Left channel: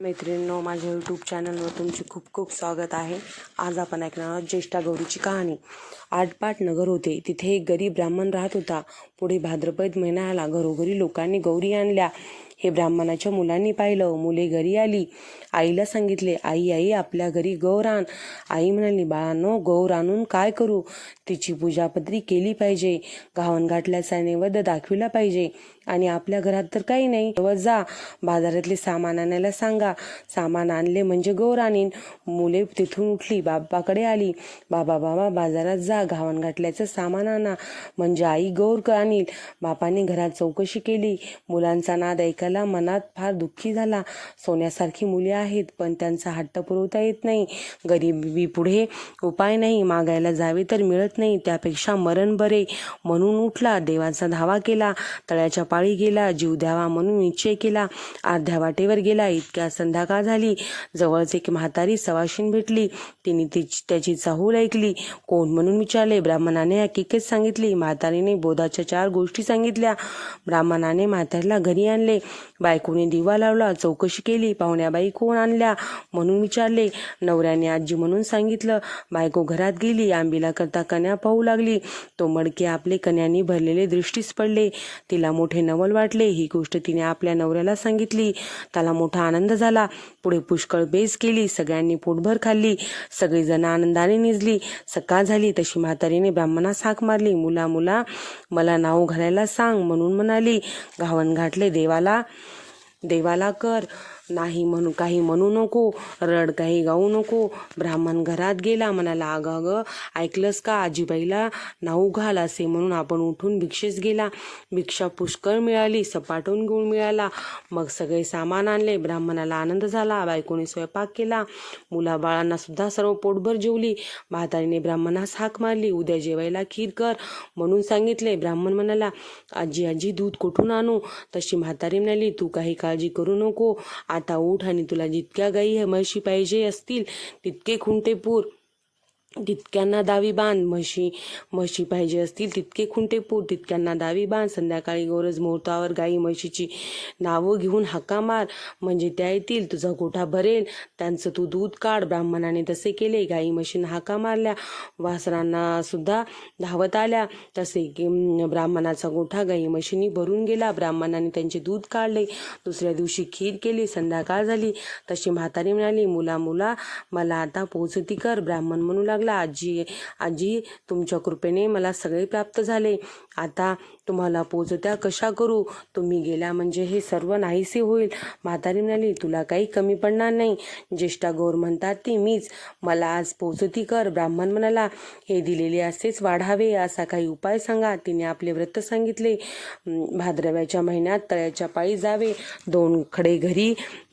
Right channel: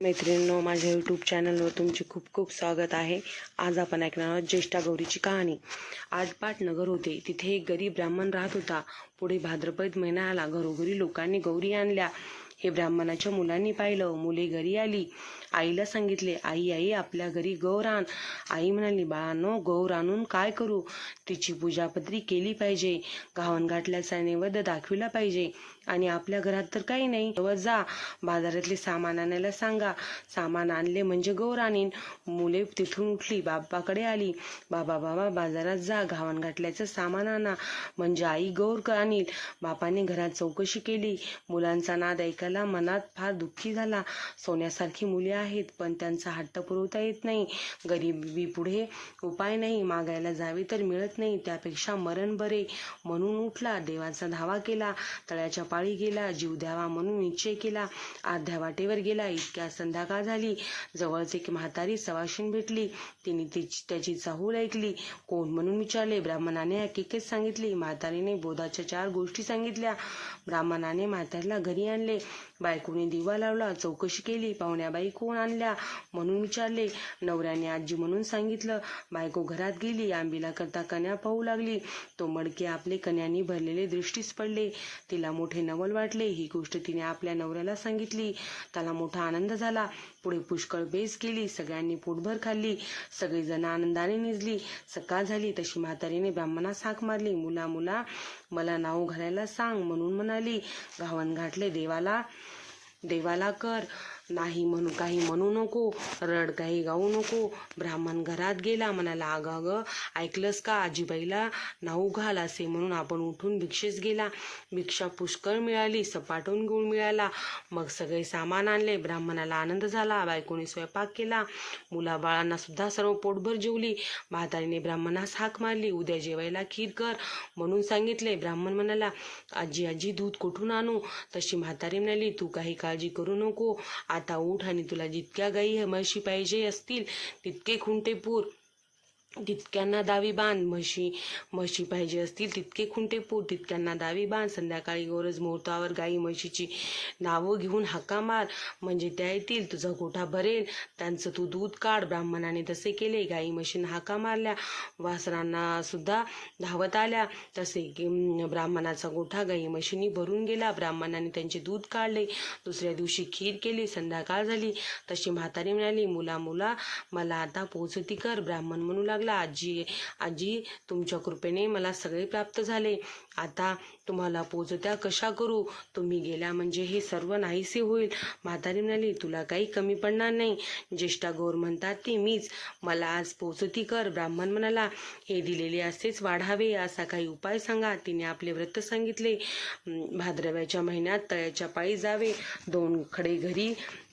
मैत्रिणींनो माझ्या यूट्यूब चॅनलवर तुमचे खूप खूप स्वागत आहे. आज आपण ऐकणार आहोत ज्येष्ठा गौरीची कहाणी. आटपाट नगर होते. तिथे एक गरीब ब्राह्मण राहत होता. पुढे भाद्रपद महिना आला घरोघरी लोकांनी गौरी आणल्या. हे ब्राह्मणाच्या मुलांनी पाहिलं. मुले घरी आली. आईला सांगितले आई आई आपल्या घरी गौर आण. आई म्हणाली बाळांनो गौर आणून काय करू? तिची पूजापत्री केली पाहिजे गावनघाटल्याचा नैवेद्य दाखविला पाहिजे आणि आपल्या घरात तर काही नाही. व जा बाजारातले सामान आणायला सांगा. सामान आणले म्हणजे गौर आणीन. मुले तिथून उठली बाबाकडे आली. बाबा बाबा बाजारात जा गावनघाटल्याचं सामान आणा म्हणजे आई गौर आणील. बापाने घरात चौकशी केली. मुलांचा नाद ऐकायला मनात फार दुःखी झाला. सोन्यासारखी मुले आहेत पण त्यांचा हट्ट पुरवता येत नाही. गरिबी पुढे उपाय नाही मागायला जावे तर मिळत नाही त्यापेक्षा मरण बरे. म्हणून उठला देवाचा धावा केला तळ्याच्या पाळी गेला जीव द्यावा म्हणून निश्चय केला. अर्ध्या वाटेवर गेला इतक्या संध्याकाळ झाली? जवळच एक म्हातारी सवाशीन भेटली तिने तिची त्याची चाहूल ऐकली. कोण म्हणून विचारले? ब्राह्मणाने हकीकत सांगितली. म्हातारीने बोधाच्या चार गोष्टी सांगितल्या. ब्राह्मणाने म्हातारीला घरी आणले. बायकोने दिवा लावला चौकशी केली. पाहुण्याबाई कोण आणल्या म्हणून विचारले नवऱ्याने आजी म्हणून सांगितलं बायको घरात गेली आंबीला करता कन्या पाहू लागली. तो मडके आपले कन्यानी भरलेले दृष्टीस पडले. तिला मोठे नवल वाटले. ही गोष्ट तिने आपल्या नवऱ्याला सांगितली. त्याला मोठा आनंद झाला. पुढे पुष्कळ बेस केली. सगळ्यांनी पोटभर खाल्ली. सगळीजण आनंदाने निजली. सकाळ झाली. तशी म्हातारीने ब्राह्मणास हाक मारली. मुला मुला मला नाव घालायला सांग म्हणून म्हणाली. घावन घाटले देवाला. देवाला कर. नाही म्हणून काही म्हणू नको रड काही गाऊ नको. ब्राह्मण घरात गेला म्हणाला अगं अगं ऐकलंस का आजीबाईला? नाऊ घाल असे म्हणून आपण उठून भिक्षेस गेला. भिक्षा पुष्कळ मिळाली सपाटून गुळ मिळाला. मग सगळे सामान आणले ब्राह्मणाला आनंद झाला बायकोने स्वयंपाक केला. मुलाबाळांना सुद्धा सर्व पोटभर जेवली. म्हातारीने ब्राह्मणास हाक मारली उद्या जेवायला खीर कर म्हणून सांगितले. ब्राह्मण म्हणाला आजी आजी दूध कुठून आणू? तशी म्हातारी म्हणाली तू काही काळजी करू नको. आता उठ आणि तुला जितक्या गाई म्हशी पाहिजे असतील तितके खुंटे पूर. तितक्यांना दावी बांध. म्हशी म्हशी पाहिजे असतील तितके खुंटे पूर. तितक्यांना दावी बांध. संध्याकाळी गौरज मुहूर्तावर गाई म्हशीची नावं घेऊन हाका मार. म्हणजे त्या येतील तुझा गोठा भरेल. त्यांचं तू दूध काढ. ब्राह्मणाने तसे केले. गाई म्हशींना हाका मारल्या. वासरांना सुद्धा धावत आल्या. तसे की ब्राह्मणाचा गोठा गाई म्हशींनी भरून गेला. ब्राह्मणाने त्यांचे दूध काढले. दुसऱ्या दिवशी खीर केली. संध्याकाळ झाली. तशी म्हातारी म्हणाली मुला मुला मला आता पोचती कर. ब्राह्मण म्हणू लागले. आजी आजी तुमच्या कृपेने मला सगळे प्राप्त झाले. आता तुम्हाला पोचत्या कशा करू? तुम्ही गेल्या म्हणजे हे सर्व नाहीसे होईल. म्हातारी म्हणाली तुला काही कमी पडणार नाही. ज्येष्ठा गौर म्हणतात ती मीच. मला आज पोचती कर. ब्राह्मण म्हणाला हे दिलेले असेच वाढावे असा काही उपाय सांगा. तिने आपले व्रत सांगितले. भाद्रव्याच्या महिन्यात तळ्याच्या पायी जावे दोन खडे घरी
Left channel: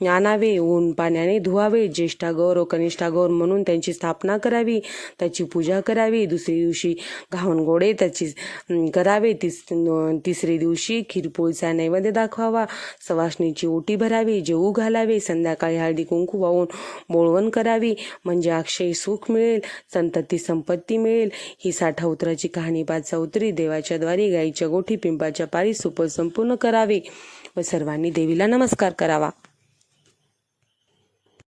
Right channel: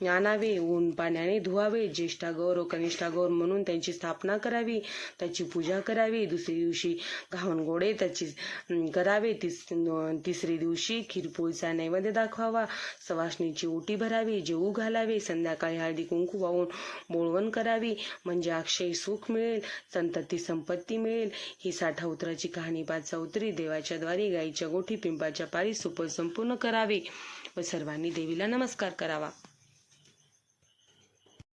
आणावे ऊन पाण्याने धुवावे. ज्येष्ठा गौर व कनिष्ठा गौर म्हणून त्यांची स्थापना करावी त्याची पूजा करावी. दुसऱ्या दिवशी घावन गोडे त्याची करावे. तिस तिसरे दिवशी खीरपोळीचा नैवेद्य दाखवावा सवासणीची ओटी भरावी जेऊ घालावे संध्याकाळी हळदी कुंकू वाहून बोळवण करावी म्हणजे अक्षय सुख मिळेल संतती संपत्ती मिळेल. ही साठा उतराची कहाणी पाच उतरी देवाच्या द्वारे गाईच्या गोठी पिंपाच्या पारी सुपर संपूर्ण करावे. व सर्वांनी देवीला नमस्कार करावा.